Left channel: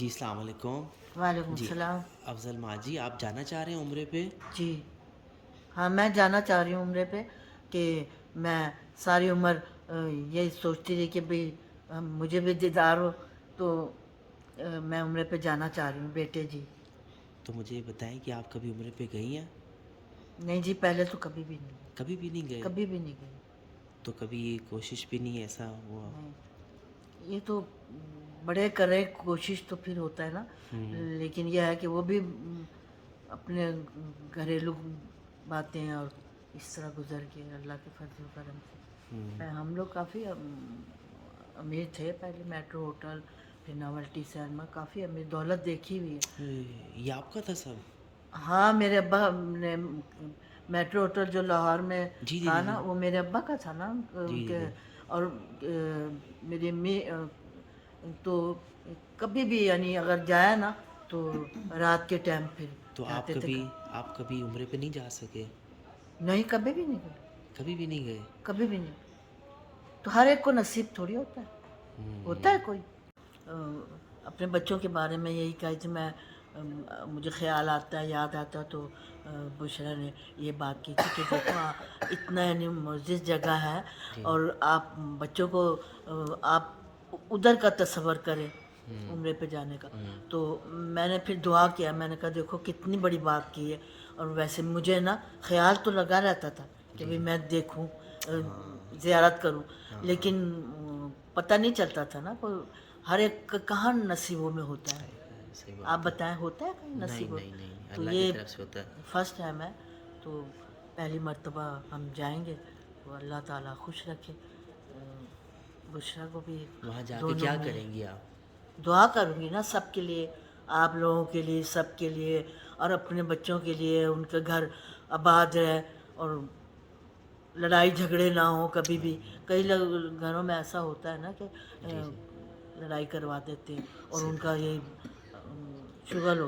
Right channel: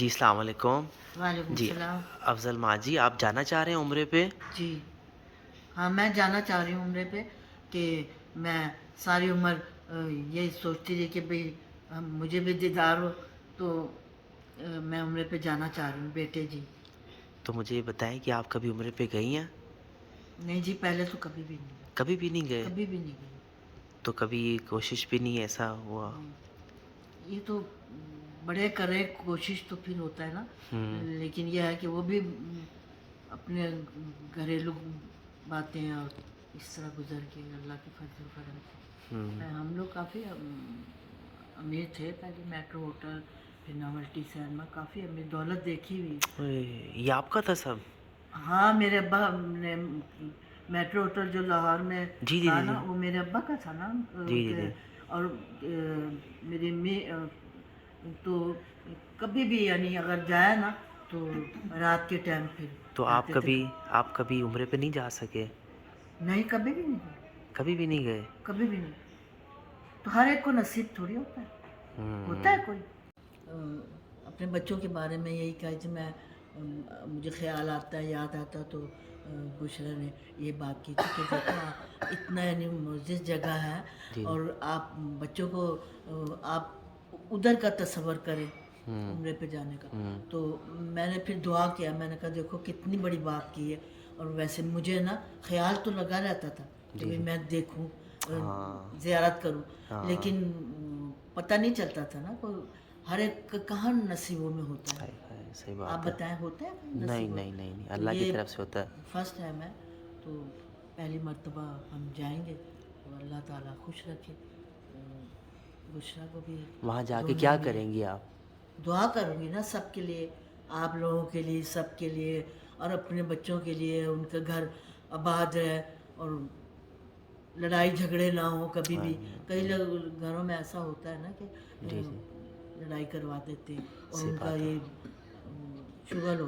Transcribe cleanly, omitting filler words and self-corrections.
جی السلام علیکم۔ وعلیکم جی السلام۔ افضل ماجی، آپ جانا چاہ رہے ہیں عمرے پہ؟ جی ہاں، میں جانا چاہ رہی ہوں عمرے پہ کہ میں ساری عمر یہی سوچتی رہی کہ بھی مجھے بھی دیدار ہو، تو میں عمرے پہ جانا چاہ رہی ہوں بیٹے جی۔ تو مجھے یہ بتائیں کہ آپ کبھی عمرے پہ گئی ہیں؟ نہیں جی، پہلے تو کبھی بھی نہیں گئی، کبھی بھی نہیں گئے؟ کبھی بھی نہیں گئی۔ تو کبھی کوشش بھی نہیں ایسا ہوا؟ نہیں، یہ تو بڑے کرے کوشش تو پھر ہوتا ہے نا، لیکن یہ ہے کہ وہ بھی اپنے گھریلو باتیں اور اس طرح گزر کے اللہ کے فضل و کرم سے ہم لوگ کافی امیر تھے پہلے، میٹرو ہوٹل، پھر ناولٹی سینما، کافی امیر، دولت دیکھی ہوئی ہے۔ یہ آپ کا تھا سب؟ ہاں، میرے ابا نے میٹرو ہوٹل جو لاہور میں جی جی تھا جی نا، جی وہ میرے ابا کا تھا نا، جی جی جی۔ اور میری امی تو کبھی بھی یعنی اگر جائے نا تو رات کے ٹائم پھر تو جاتے تھے گھر۔ آپ کبھی عمرے پہ نہیں جا سکے؟ نہیں، کبھی بھی نہیں گئے، کبھی بھی نہیں گئے؟ کبھی بھی نہیں۔ تو ہر ایک کو نصیب تھوڑی ہوتا ہے، ہوتا ہے کوئی اپنے بچوں کے بارے میں یہی کہا کہ میں مجھے خیال آتا ہے، یاد آتا ہے، تو بشرا نے یہ بات کی تھی کہ دیکھو اتنا یعنی معزز جگہ ہے، جی اور آپ بچوں کو آپ ادھر کا تصور کریں عمرے پہ جانے کا۔ تو میں نے پھر دعا کیا، میں نے کہا دیکھو کتنی بڑی بات کی ہے، اور ویسے مجھے نا خیال تو لگا رہتا تھا کہ جی بھئی جی۔ میں دیکھوں، ہاں زیارت کروں، ہاں۔ لیکن پتہ نہیں چلتا تھا نا، ہر ایک کہاں نصیبوں میں ہوتا ہے۔ صحیح آپ بات ہے۔ بتائیں ہوتا ہے کہیں نہیں نصیب نہیں نہیں، تو اللہ کی یہ طرف سے ہوتا ہے۔ فرسٹ ٹائم ہے، تو پہلی مرتبہ ہم جائیں گے، تو اللہ تعالیٰ خوش رکھے بشرا کو بھی، وہاں جا کے دونوں کیا میں کریں گی آپ؟ دعا کروں گی نا سب کے لیے، آپ لوگوں کے لیے، سب کے لیے، اور اپنے بچوں کے لیے، ان کے گھر آباد رہے، اور لڑائی جھگڑے نہ ہوں کبھی بھی۔ کئی گھروں میں ایسا ہوتا ہے نا کہ جی جی، لڑائی کروا دیتے، اور صحیح ان کا بات ہے۔ یہ شغل ہوتا